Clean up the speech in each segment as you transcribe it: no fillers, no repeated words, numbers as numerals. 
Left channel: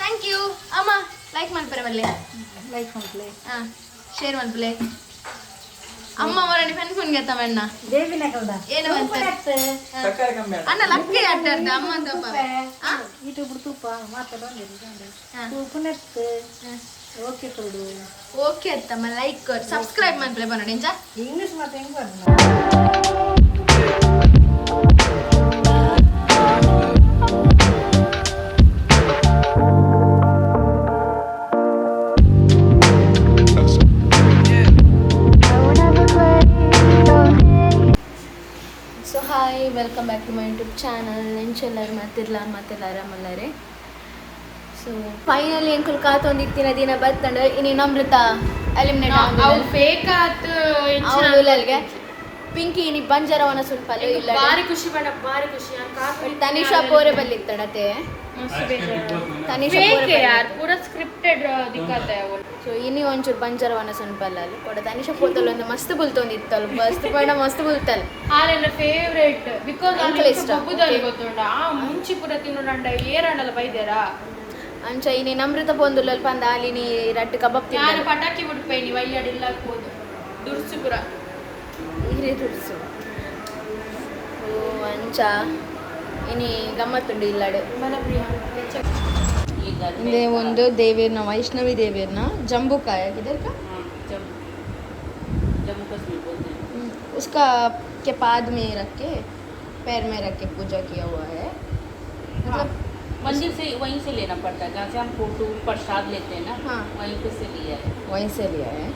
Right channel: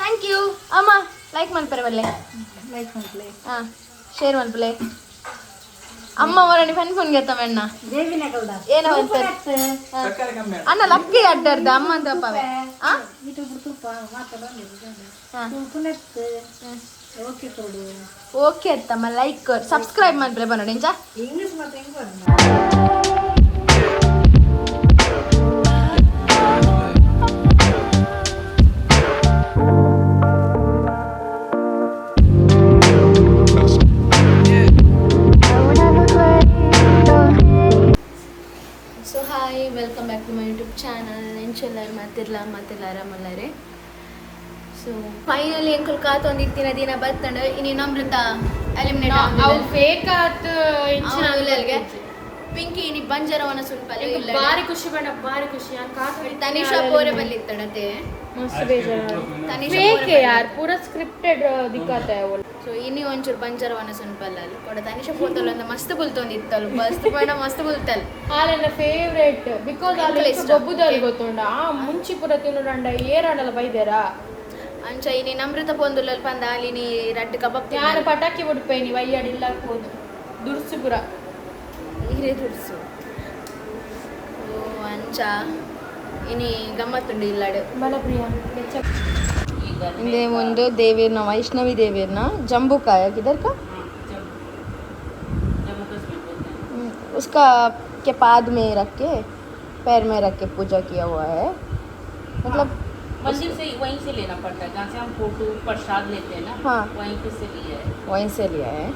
Thank you ಅಮ್ಮ like ಮಲ್ಪರೆ ಬಲ್ಲೆ ಲೈಕ್ ಮಾಡ್ಲೆ ಶೇರ್ ಮಲ್ಪಲೆ ಅಮ್ಮ ಅವರನ್ನು ಫನ್ ಫೋನ್ ಗೆತ್ತವಣ್ಣ ದೇವಿನ ಕೌಡ ಏನೋ ಅಂತ ಅಣ್ಣ ಲಕ್ಕೆ ಅಡ್ಡಾಡ್ದ ಅಮ್ಮ ಅಂತ ಯೂಟ್ಯೂಬ್ ತುಪ್ಪ ಓಕೆ ಕೊಡು ಓಕೆ ಅತ್ತಮ್ಮ ಲೈಕ್ ಸಬ್ಸ್ಕ್ರೈಬ್ ಮಾಡ್ಬಲೆ ಬನ್ನೋಡಿ ಇಂಚ ಇಂಗ್ಲಿಷ್ ಮತ್ತೆ ಹೆಂಗ್ so hi welcome back to my YouTube channel ನೆಂಚೆಲ್ಲರು ಮಲ್ಲಾರೆ ಸೊ ಫೈನಲಿ ಅಂಕಲ್ ಕಾತೊಂದಿತ್ತಿನ ದಿನ ಬತ್ತಂಡ ಇನ್ನು ನಮ್ರತ ಎಲಿಮಿನೇಟ್ ಫೇಕ್ ಅವಳಿಗೆ ಪಿಂಕಿ ಇನಿ ಬಂಜರವನ ಸುಲ್ಪ ಬಾರಿ ಖುಷಿ ಬೇಡ ಬಾರಿ ಖುಷಿ ತನಿಷಾ ಪೋರೆ ಬಲ್ಲಿತ್ತಡತೆ ತನಿಷಾ ಪೋರೆ ಪೂರ ಸ್ಕ್ರಿಪ್ಟೆಡ್ ದಿಕ್ಕತ್ತೆ ಸೊ ಇನಿ ಒಂಚೂರು ಬಂಜರವನ ಸುನ್ಪಲ್ಲ ಕೊಡ ತನಿಷಾ ಪೋತಲ್ಲ ಒಂದು ಮಸ್ತ್ ಬುಲ್ತೊಂದಿತ್ತಲ್ಲ ಮಸ್ತ್ ಪಂಡ ಮಸ್ತ್ ಬುಲ್ತಲ್ಲ ಆರೆನ ಫೇವರೇಟ್ ಬಿಕಾಸ್ ಎಂಕಲ್ ಇಷ್ಟ ಗೊತ್ತುಂಡ ಮುಂಚಿ ಪುರ ತಿನ್ನೋಂಡ ಏರಣ್ಣಲ್ಲ ಬೈದ್ಯಾರ ಅಂಚ ಇನಿ ನಮ್ರತ ಪೊಂದುಲ್ಲ ಪಂದ ಅಲಿನಿ ರಡ್ಡು ಕಬಾಬ್ ನಾನು ತಿನ್ನ ಪಟಾಕಿ ಬಿಡ್ಪೇನಿ ವಯ್ಯಾಡಿಲ್ಲ ಹಾಕ್ಬೋದು ದುರ್ಸಿಪುರ ನೀರೇ ದುಡ್ಸು ಓ ಅಂಚ ಇನಿ ಗಮ್ಮತ್ತುಂಡು ಇಲ್ಲಾಡು ಇದೇ ಒಂದು ದೇವಿರ್ನ ವೈಷ್ಣವಿ ದೇವಿರ್ನ जम्बूकाया किधर का जम्मू कश्मीर बोलते हैं उसका के पाद में रख के पैर में रख के पूजा किया हुआ है मतलब मंदिर से वहीं से लेना पड़ता है जहाँ से हम फोटो प्रसाद लेते हैं ना हाँ वहीं से लिया है वहीं से लिया है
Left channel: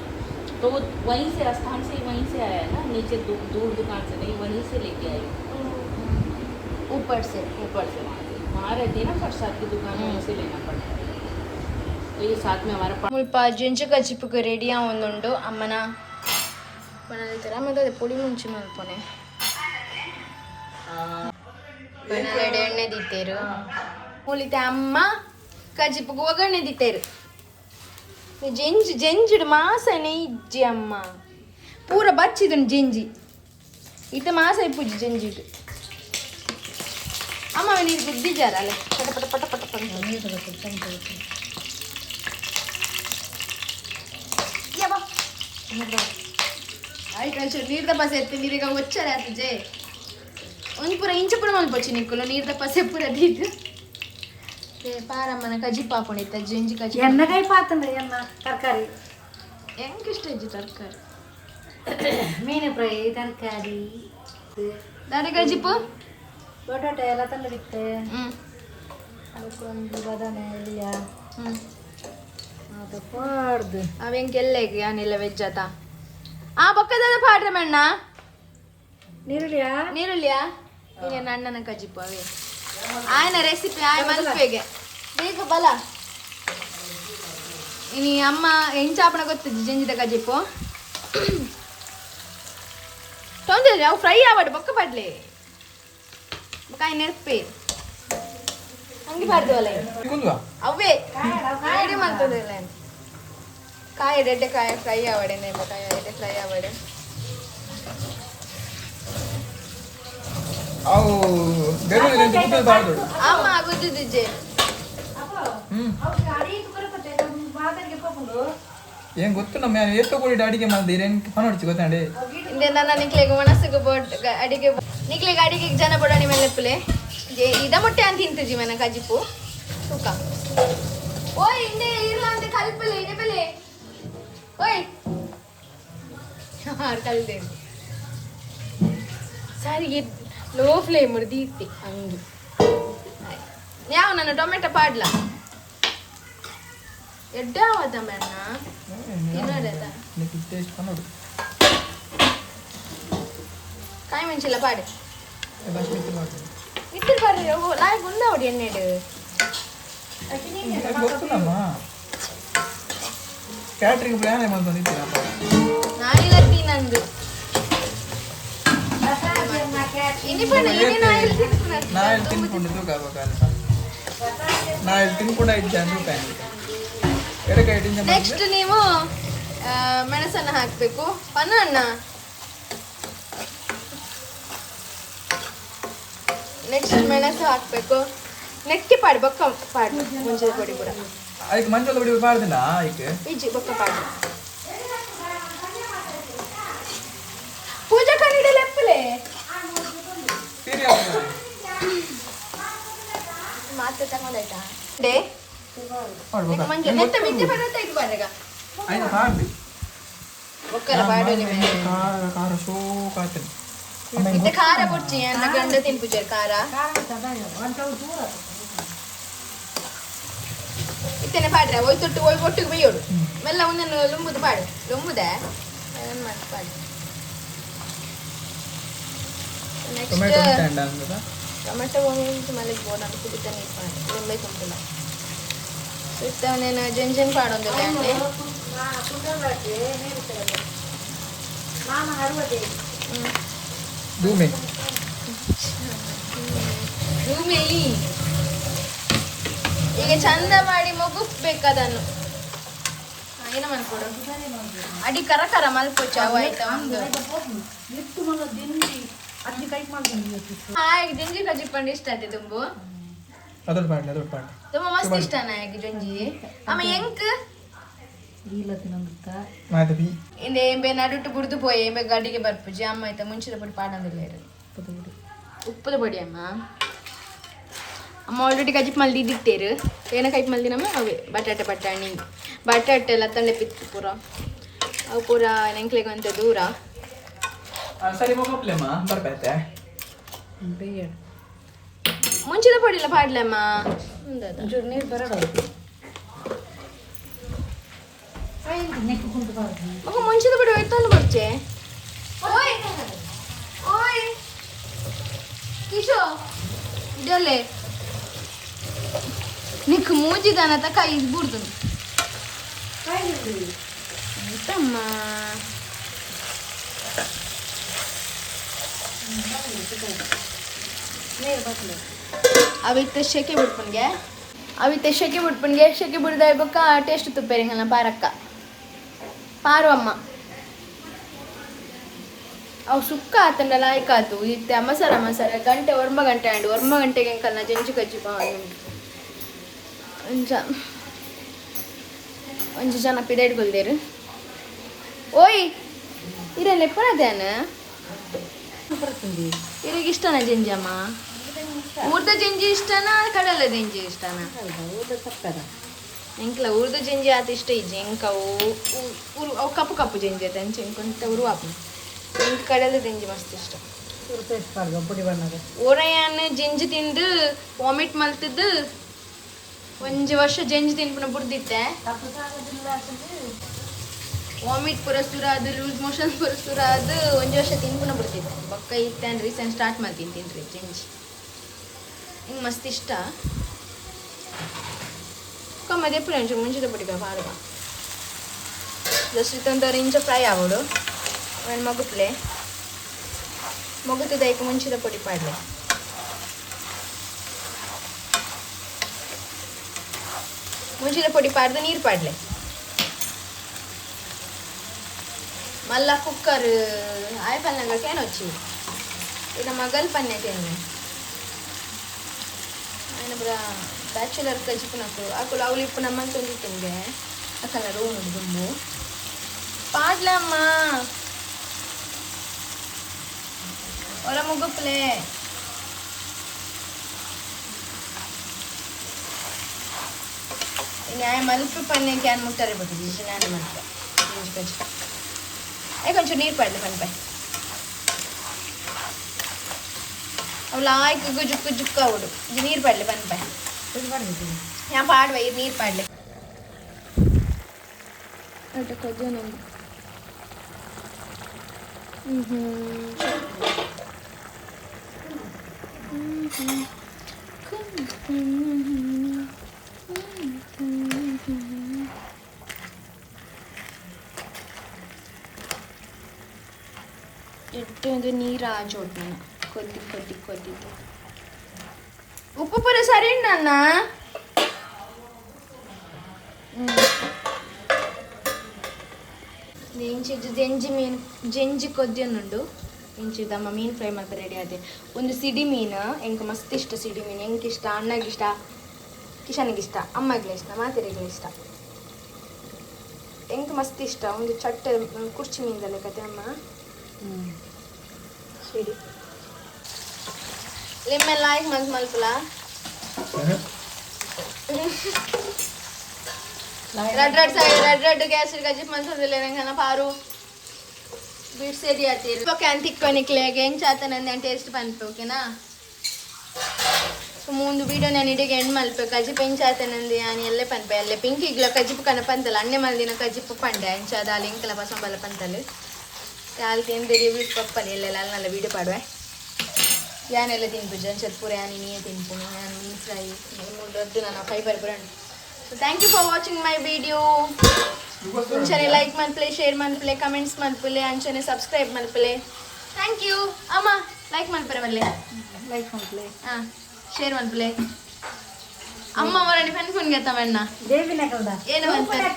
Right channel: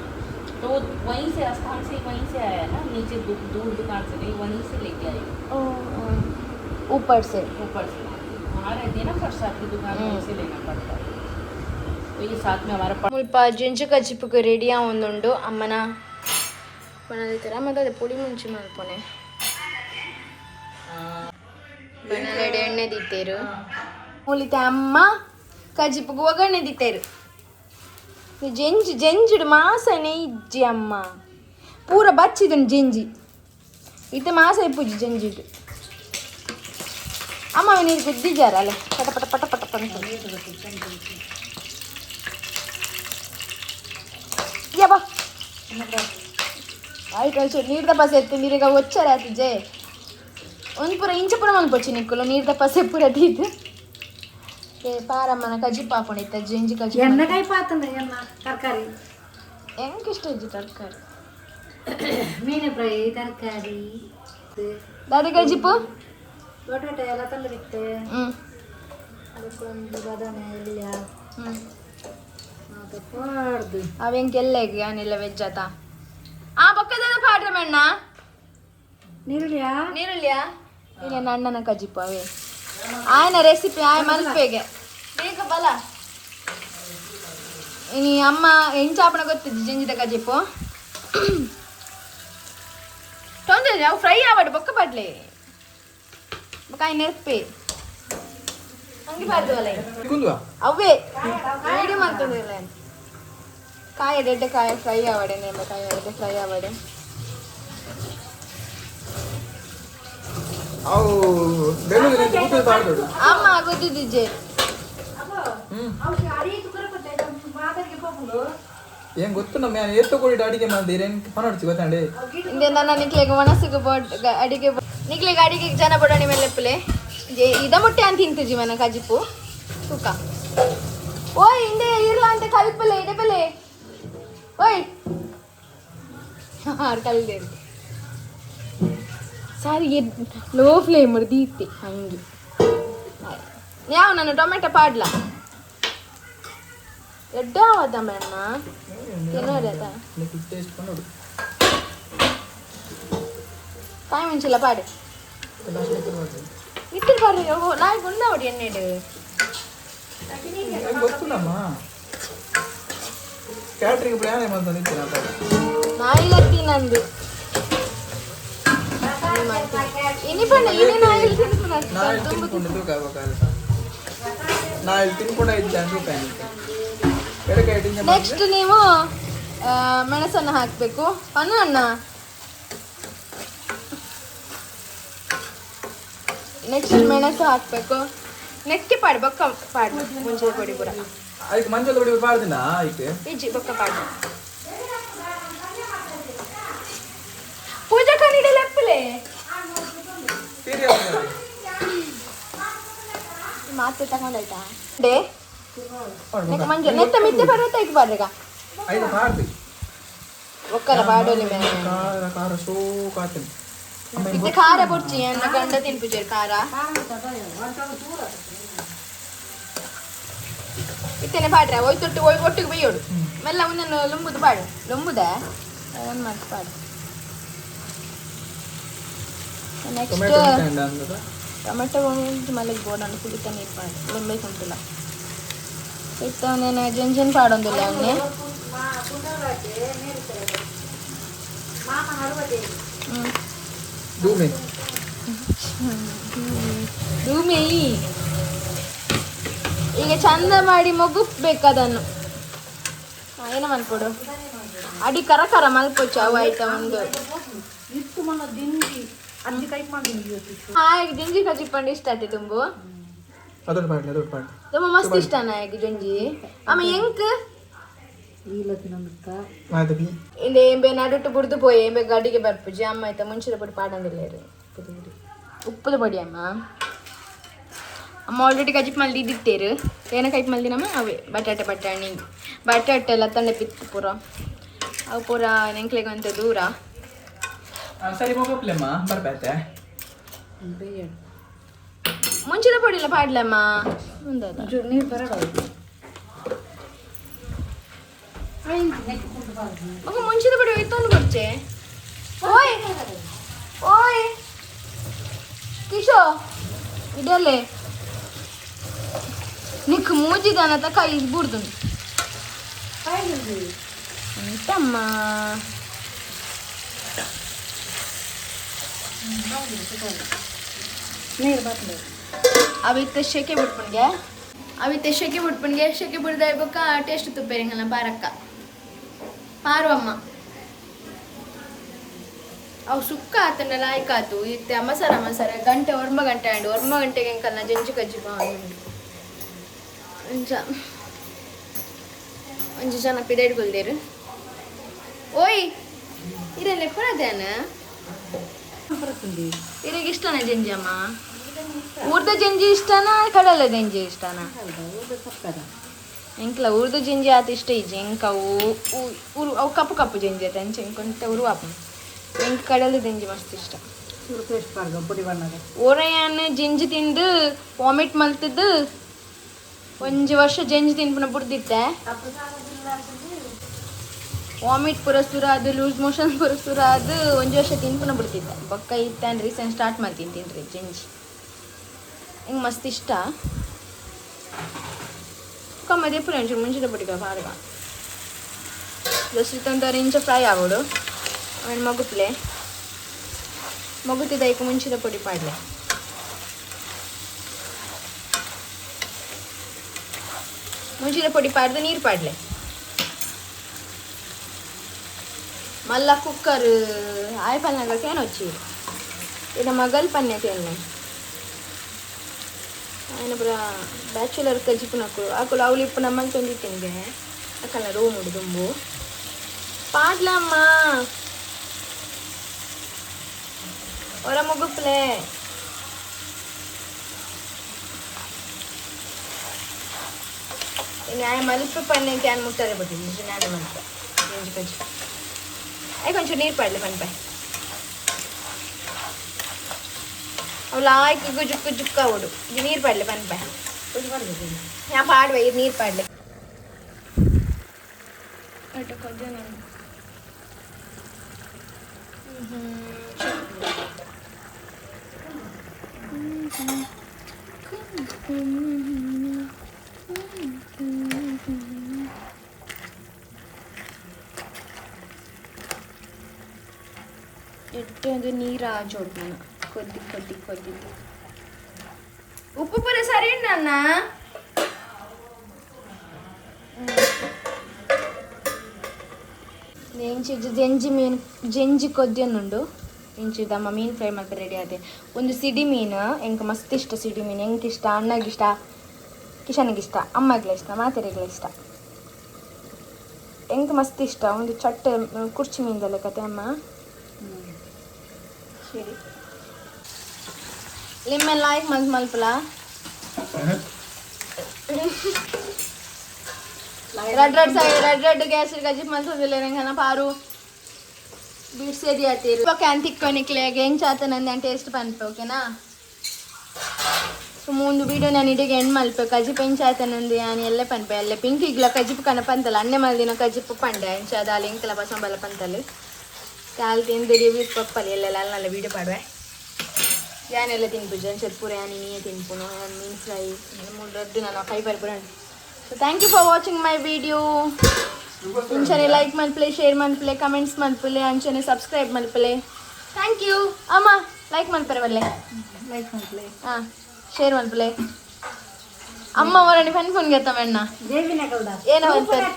तो वहीं से राजस्थान से वहीं से आया ना नीचे दूर दुकान से नहीं वहीं से लेके आए ऊपर से वहाँ रहती है ना प्रसाद की दुकान वहीं से लेना पड़ता है तो ये साथ में हमारे ಮುಲ್ಪ ಜಂಜು ಕಜಿಪುಗೆ ರೆಡಿಯಾ ಒಂದುಂಡು ಅಮ್ಮನ ಪನಲ್ತೀರ ಮತ್ತೆ ಅದೇ ಪುಳಿ ಮುಂಚಿ ಮಲ್ಪೊನೆ ಪನಲೆಡೆ ಎಣ್ಣೆ ದಿತ್ತೇರು ಉಳಿತೆ ಅಮ್ಮ ಕಜಿಪುಗೆ ಒಗ್ಗರಣೆ ದಿತ್ತೇರು ಜಂಜುಡು ಮಾಸನೆ ಇಜ್ಜಿ ಅಮ್ಮ ಪೂರ ಬಚ್ಚಿದನು ಜಂಜಿ ಇಟ್ಟು ಮಾಸ ಇಪ್ಪುಜಿ ಜಂಜಿದು ಅಮ್ಮ ನೀರು ಗುದ್ದಿಜಾರ ಅಲ್ಲ ಪಟ ಪಟ ಪಟ ಪಟ ಪಟ ಯಬ್ಬ ಆಯ್ತು ನೀರು ದಪ್ಪ ಸೇರ್ತೀನಿ ನೀರೀಗ ಒಚ್ಚರ ಆತಿಜೆ ಒಂದು ಪೂರ ಇಂಚ ಪುರ ಮನ್ಪೊಚ್ಚಿ ನಿಕ್ಕಲು ನೀರು ದಪ್ಪ ಸೆ ಪೂರ ದೀದು ಪಾರಮ್ಮನ ಕಜಿ ಪಾಕೊಂಡಿತ್ತ ಜಂಜಿ ಕಜಿ ಎಣ್ಣೆಕಾಯಿ ಪಾತಂದ್ರೆ ಎಣ್ಣ ತರಕಾರಿ ಹೆಂಗೆ ಇಷ್ಟ ಇಜ್ಜಿ ತರಕಾರಿ ಮೀನು ಫ್ರೈ ತರಕಾರಿ ದಾದಿ ಕಜಿಪು ಬಟಾಟೆ ಎಲ್ಲ ತಂದಿರುತ್ತೆ ಅದಕ್ಕೊಂದು ಬದನೆ ಎಲ್ಲಿಯ ಅದು ಪಾಡ್ದು ಅವೆಂಕೆಲ್ಲೆಗೆ ಏನಿಲ್ಲ ವೆಜ್ ಆತ ಆ ಪಕ್ಕದ ಪಾಡ್ರೆ ಮಣ್ಣ ನೀರುಳ್ಳಿಯಾ ನೀರುಳ್ಳಿಯಾ ಈಗ ಅಣ್ಣನ ಕಜಿಪು ಅವೇ ಆಯ್ನ ರೆಸಿಪಿ ಆಯ್ ಮಲ್ಪೆಗೆ ಬೇಗ ಬಲ ಇನಿ ಅಮ್ಮ ಹೆಂಚಾಪಣ ಗೊತ್ತಿದ್ದು ಜಂಜಿದ ಕಜಿಪು ತೊಂದರೆ ಅವು ಫ್ರೈ ಆವಾಡು ಬೊಕ್ಕ ಪಡ್ಲೆ ಕಾಯಿ ನೆರ್ಪೆ ಹಂಗೆ ಪಾಡ್ದವಲ್ಲ ಅವೇ ರೆಡಿ ಮಾಡ್ತದಿಲ್ಲ ಕಾಯಿ ರೆಡ್ಡೆ ಕಾಯಿ ಫ್ರೈ ಆವಡೆ ನೇಮ ಕಾಯಿ ರೆಡ್ಡೆ ಫ್ರೈ ಆವಡೆ ಅಮ್ಮ ಗೊತ್ತಿದ್ದೆ ಏನ್ ಗೊತ್ತು ನಮ್ಮ ಏತುಕೊಳ್ಳಿ ಅಡಿಗೆ ಮಾಡಿದ್ರೆ ಪನೋಡ್ಸಿ ಗೊತ್ತಾಂಡೆ ಇಂದೆ ನನ್ನ ನಿಕ್ಲೆಗೆ ಮನಸ್ಸಿಗೆ ಬೋಟ್ ಅಡಿಗೆ ನಿಕ್ಲೆಗೆ ಅಡಿಗೆ ಜನ ಬಡಾಣಿ ಮೇಲೆ ಲೆಪ್ಪಲೆ ಇದ ಮೊಟ್ಟೆ ಅಂತ ತಿಂತಿದ್ವಿ ಮನ ಕಜಿಪು ತೂಕ ಓಯ್ ಇಂದೆ ಇರ್ಲ ಅಂತ ಕಲ್ಪಲೆ ಇದೆ ಬೆಲೆ ಓಯ್ ಹಾರ್ ಕಲ್ದೆ ಸಾರಿ ಲೋ ಫ್ಲೇಮ್ ದೀತಿ ಹಂಗೆ ಯಾವ ನಾನು ಟೊಮೆಟೊ ಪಾಡ್ಲಾ ಎಡ್ಡ ಆವದ ಮೇಣ್ಣ ತಿನ್ನೋದ ಕಾಯಿ ಮೆಣಸಿಲ್ಲ ಪಾಡು ಇಟ್ಟು ಪಾಡ್ರಿ ನಾಯಿ ಗುಂಡ ಹೊಡಿ ಎಣ್ಣೆಡು ಕ್ಯಾಟ್ರಿಂಗ್ ಪ್ಲಾನ್ ನಾಯಿ ಲತ್ತಿ ನಂದು ಇನಿ ಬಣ್ಣ ಇನಿ ನಾಯಿ ತಿನ್ಕೊಂಡಿದ್ದು ನಾಯಿ ತಿನ್ಕೊಂಡ 5 ರೂಪಾಯಿ ನೆಕ್ಸ್ಟ್ ನೀವು ಮೆಣಸನ್ನು ಹಾಕಬೇಕು ಅಣ್ಣ ನೆಕ್ಸ್ಟ್ ಮೆಣಸು ಹಾಕಬೇಕು నెక్స్ట్ పాడు బొక్క పాడు ముంచిన పొడి కూడా ಅದಕ್ಕೆ ಮಂಚದ ಬಡಿ ಪಾಡ್ದಿನ ಅದಕ್ಕೆ ಈಜಿ ಬೊಕ್ಕ ಪಾಡು ಪೂಜಾ ಕಣ್ಣಿಡೆ ಲೆಪ್ಪಲೆ ಸೀರಿಯಸ್ ಮಾತೆ ತಗೊಂಡಾಯ್ತಾ ಡೇ ಮಂಜು ನೆತ್ತ ಮಿತ್ತೆ ಪಡುತ್ತ ಇದು ಪಾಡ್ರೆಗ ಐದು ಪಾಡ್ದಿ ಒಕ್ಕಲ ಪಾಡೋಲಿ ಮೇಲೆ ಖಾರ ಖಾರ ಸೋ ಕಾತನಿ ಇತ್ತೆ ಖಾರ ಬುಡ್ಚಿ ಅನ್ನ ಗಂಡ ತಿನ್ಪುಜರ್ ಖಾರ ಇತ್ತೇನೆ ಪಾಡ್ರೆ ಒಯ್ ತೊಟ್ಟು ಒಯ್ ಒಟ್ಟಿಗೆ ಬೈಯೋಡು ಮೆಲ್ಲ ಮುಂದೆ ಲೊಂಬುದು ಪಾಡು ಲೊಂಬುದೆ ಏನು ಮಾಡಿ ಪಾಡು ಟೊಮೆಟೊ ನೆಕ್ಸ್ಟ್ ಸ್ಟ್ಯಾಂಡ್ ಅಂದದ ಟೊಮೆಟೊ ಮಲ್ಲಿಗೆ ಬೋಡನ್ನು ಕುಡಿತ ನೀರು ಪಾಡು ಲಿಂಬೆ ಸಂಪಿಲ್ಲ ಇತ್ತವನೇನು ಜಂಜನ್ ಪಾಡೊಂದಿಲ್ಲ ಅನ್ನೆ ಭೂಮಿ ಭೂಮಿ ಈಗ ಚಂದ ಮಾಡಿ ಮುಗಿಸ್ಬೇಕು ಅದನ್ನು ಏನ ಮಾಡ್ಕೊಡು ಅಡಿ ಕರ ಕರ ಮಲ್ಪೊಚ್ಚ ಅವು ಆಯ್ತಾ ಒಂದು ಹಾಗೆ ಜಂಜಿ ಕಜ್ಜಿ ಪಂಡು ಇಷ್ಟ ಆಯ್ತು ತುಂಬು ಅದೊಂದು ಪಾಡ್ಲಿ ತುಂಬ ಮಸ್ತ್ ಇಷ್ಟ ನನಗೆ ಜಂಜಿ ಆಮ ಎಂಕ್ ಮಾಧವಿ ಇಂದ ಎಂಬೆ ನಡುಟ್ಟು ಬುಡ್ದು ಪೋಯ್ ಎಂಬೆ ಗಡಿಗೆ ಬರ್ಪುಜಿ ಅಮ್ಮ ಆಯ್ತಾ ಮುಂಚಿದ ಪುಡಿ ಪಾಡಂದಿಲ್ಲ ಇರು ಉಪ್ಪದ ಪೊಡಿ ಅಮ್ಮ ಅಮ್ಮ ಆಲ್ರೆಡಿ ಕಜ್ಜಿ ಮಲ್ದಿ ಇದ್ದಿಟ್ಟೇರು ಏನ ಕೈಪ್ ಮಲ್ದಿನಮ್ಮ ಅವೇ ಬಟಾಟೆ ಬಟಾಣಿ ಬಟಾಟೆ ಎಲ್ಲ ತಂಡೆ ಪಿತ್ತು ಪೂರ ಅವು ಪೂರ ನೆಂಕ್ಲೆಗಂತ ದೂರ ಸರಿ ಹೋಗ್ಲಮ್ಮ ಬರ್ಬಾಯ್ತೆ ಮುಂಚಿದ ಪೊಡಿ ಇಲ್ಲ ಪಾಡ್ಲಮ್ಮ ಮುಂದದ ಮಗ ಮುಂಚಿದ ಪೊಡಿ ಒಯ್ತೊಂದು ಕೊಡ್ಚೆ ಓಯ್ ಓಯ್ ಕಿಶೋ ಇದಲ್ಲೇ నీకు మూజిదానత కై బుడుతుంది ఎంతమ్మా ಅವಿ ಶೆಕೆ ಬಿಡ್ಪನ್ಗೆ ಶೆಕೆ ಬಿಡ್ದ ಇರ್ಬೇಕ ಟೇಸ್ಟ್ ತುಪ್ಪೇರಿಂಗಲ್ಲ ಪಾರಕ್ಕ ಪಾರು ಅಮ್ಮ ಅವು ಸುಕ್ಕ ಆತಂಡ ಲಾಯ್ಕಾತು ಇತ್ತೆ ಮಸಾರ ಗಂಟೆ ಒರ್ಮ ಗಂಟೆ ಆಂಡು ಒರ್ಮ ಗಂಟೆಗೆ ಎಂಕಲ್ನ ಜಂಜು ಕಜ್ಜಿ ಬಾಂಡು ಒಂಜಿ ಜನ ಪಿದಾಡ್ಕೊಳ್ದೇರು ಓಯ್ ಇರಲ್ಲ ಎಪ್ಪಣದೇನ ಇರಿಗೆ ಇಷ್ಟನಾ ಜಂಜಿ ಅಮ್ಮ ಊರ್ದ ಜಂಜಿ ಇಷ್ಟನಾ ಕಡಲ ಜಂಜಿ ಇಷ್ಟನಾ ಎಂಕ್ಲ ಊರ್ದ ಜಂಜಿ ಆತ ಇಷ್ಟ ಇಜ್ಜಿ ಎಂಕ ಅವು ಕಪ್ಪು ಕಪ್ಪು ಜಂಜಿ ಆತ ಅಂಚೆ ಎಂಕೊಂತ ಉರುವಾಪ ಎಂಕ ಕಡಲ ಜಂಜಿ ಮಸ್ತ್ ಇಷ್ಟ ಓರಯ್ಯನ ಜಂಜಿ ತಿಂದು ವಾಮಿಟ್ ಮಲ್ತಿದ್ದು ಒಂಜಿ ವರ್ಷ ಜಂಜಿ ತಿನ್ಪುನ ಬುಡ್ದಿತ್ತೆ ವಾಮಿಟ್ ಪೂರ ಸುರ ಅದು ಲೂಸ್ ಮೋಷನ್ ಪೂರ ಸುರ ಅದು ಒಂಜಿ ವರ್ಷ ತಿನ್ಪುನ ಬಿಡ್ತಿದ್ದೆ ಬೊಕ್ಕ ಇತ್ತೇನು ರೀಸೆಂಟ್ ಸ್ಟಾರ್ಟ್ ಮಾಡ್ತೀನಿ ತಿನ್ರಿ ಜಂಜಿ ಹಿಂಗೆ ಮಸ್ತ್ ಇಷ್ಟ ಕಮ್ಮದೆ ಪುರ ಒಂಚೂರು ಮುಂಚಿದ ಬಿಟ್ಟಿದ್ದ ಪಾಡುವ ಜಸ್ಟ್ ಇತ್ತೊಂದು ಇಂಚ ಫ್ರೈ ಆಗೋಡು ಆಮೇಲೆ ಮಗುತ್ತಿದ್ದ ಈಗ ಮುಂಚಿದ ಪುಡಿ ಪಾಡ್ಲೆ ಮುಂಚಿದ ಪುಡಿ ಪಾಡ್ದು ನೀರು ಪಾಡ್ಲೆ ಮಲ್ಲ ಕುಕ್ಕರ್ ಆಯ್ಪಲ್ನಾಗ ಕೇನ್ వచ్చి ಇದು ಮಗಲ್ ಪನ್ನೆ ಕೇನೆ ఆయన ಬ್ರ ಬ್ಯಾಚುಲರ್ ಕಜಿಪುನಕು ಆಕುಲು ಅವಳು ಇಪ್ಪು ನಮ್ಮಲ್ಲಿ ತೊಂದಿಟ್ಟಿಂಗೆ ಅಕ್ಕನ ರೋ ನೋಡಿ ದುಂಬು ಪಾಡ್ಲಮ್ಮ ಒಳ ಮುಗುಪ್ಲೆ ನ್ಯಾಯ ಮಲ್ಪು ಪನ್ನೆ ಕ್ಯಾನ್ ಮುಟ್ಟಾರೆ ಬಿಟ್ಟಿದ್ವಿ ನಾಳೆ ಮಾಡ್ತೆ ಕಜ್ಜಿ ಅಯ್ಯ కొంచెం ನೀರು ಪಾಡ್ಲಿ ಪನ್ಪಾಯ್ ಅವಳು ಆಯ್ಕೆ ಜುಕ್ಕು ಜುಕ್ಕ ಅವಡು ಇದು ನೀರು ಪಾಡ್ಲಿ ಪನ್ಪಾಯ್ ഞാൻ പാടുവ ഇത് നീർ പാടില്ല ಇಟ್ಟು ನೀರು ಆಜೋಡ್ ನಾನು ಕೊದ್ದಿ ಉಪ್ಪು ಪುರ ಸರಿ ನನ್ನ జంజి కొద్ది ఉండు ಇಂಚಿದಮ್ಮ ಮೀನು ಫ್ರೈ ಮಾಡಿ ರೆಡಿ ಆದೆ. ಒಂದು ಸಿಡಿ ಮೀನು ಎಂಗೆ ಮಸ್ತ್ ಇಷ್ಟ. ಸಿಡಿ ಮೀನು ಎಂಗೆ ಇಷ್ಟ, ಅಣ್ಣಗಿಷ್ಟ, ಕಿಶನಿಗಿಷ್ಟ, ಅಮ್ಮಗ್ಲ ಇಷ್ಟ, ಮಾತೆರೆಗ್ಲ ಇಷ್ಟ, ಎಂಗೆ ಮಸ್ತ್ ಇಷ್ಟ. ಒಂದು ಚಟ್ಟೆ ಕುರ್ಚಿ ಮೀನ್ದಲ್ಲ ಕತೆ ಅಮ್ಮ. ಸರಿ ಲಿಮ್ಮೆಲ್ಲ ಆಯ್ಕೆ ಮನ್ಸು ಮಲ್ಪಲ రెడ్ గ్యాస్ గజ్జి మసూది లేన పారు బిడ్సేది ఆతీరు ఓకే అంటిక్కొనిక్లే ఏం చేతనంది అంటే టేస్ట్ పనిపే ఓకేనా. ಮುಂದು ವೀಡಿಯೋ ನಾನು ಇಡಿಗೆ ಎಂಡ್ ಮಲ್ಪೆ ಕಜಿಪ್ ಎಂಚಾತನಂದಿ అని ಎಲ್ಲೆ ಪನ್ಪೆ ಅಲ್ಲೇ ಪಿಂಕ್ ಈಗ್ಲ ಕಜಿಪ್ ಕನಪಂತಲ್ಲ ಅನ್ನೆ ಮಲ್ದಿನ ಕಜಿಪ್ ಪಂಡೆ ಎಂಚಾದ ಅಲ್ಲಿ ಇಂಕಲ ಬಸಂ ಬಲ್ಲ ಪಂತಲ್ಲಿ ಕಾಲ್ ತಿಂದು ರಿವ್ಯೂಸ್ ಪಪ್ಪಲ್ಲಿ ಎಲ್ಲೆಲ್ಲ ಅಲ್ಲ ವೀಡಿಯೋ ಪಾಡುವೆ. ಯಾನೆಲ್ಲ ತಿನ್ಪಿದ್ದೆ ಒಂಚೂರು ಪೂರ ಯಾನಿ ನೀಯೇ ತಿನ್ಪುನು ಯಾನ್ ಮೀನ್ ಫ್ರೈ ಮೂರದ್ದು ನಾನು ಫೈಬರ್ ಪೂರ. So thank you for watching my video. ಅಂಚನೆ ಲೈಕ್ ಮಲ್ಪಲೆ, ಶೇರ್ ಮಲ್ಪಲೆ, ಕಮೆಂಟ್ಸ್ ಮಲ್ಪಲೆ, ಅಂಚನೆ ಸಬ್ಸ್ಕ್ರೈಬ್ ಮಲ್ಪಲೆ. ಥ್ಯಾಂಕ್ ಯು ಅಮ್ಮ. ಲೈಕ್ ಮಲ್ಪರೆ ಬಲ್ಲೆ, ಲೈಕ್ ಮಾಡ್ಲೇ, ಹಾಂ ಶೇರ್ ಮಲ್ಪಲೆ. ಅಮ್ಮ ಅವರನ್ನು ಫನ್ ಫೋನ್ ಗೆತ್ತವಣ್ಣ ದೇವಿನ ಕಲ್ದ ಏನೋ ಅಂತಾರೆ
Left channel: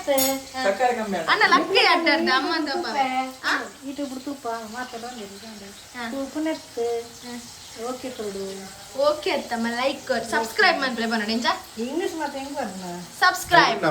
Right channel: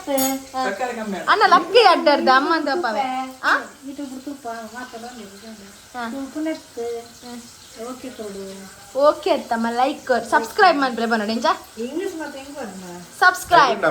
ಸಕ್ಕರೆ ಕಮ್ಮಿ ಆಯ್ತು. ಅಣ್ಣ ಲಕ್ಕಿ ಅಡ್ಡಾರ್ದ ಅಮ್ಮ ಅಂತ ಇದು ತುಪ್ಪ ಮಾತಾಡೋ ಪುನರ್ತು ಓಕೆ ಕೊಡು. ಓಕೆ ಅತ್ತಮ್ಮ ಲೈಕ್ ಸಬ್ಸ್ಕ್ರೈಬ್ ಮಲ್ಪಲೆ ಬನ್ನೋಣ ಇಂಚ ಇಂಗ್ಲಿಷ್ ಮತ್ತೆ ಹೆಂಗ್ ಬರ್ನ ಸಬ್ಸ್ಕ್ರೈಬ್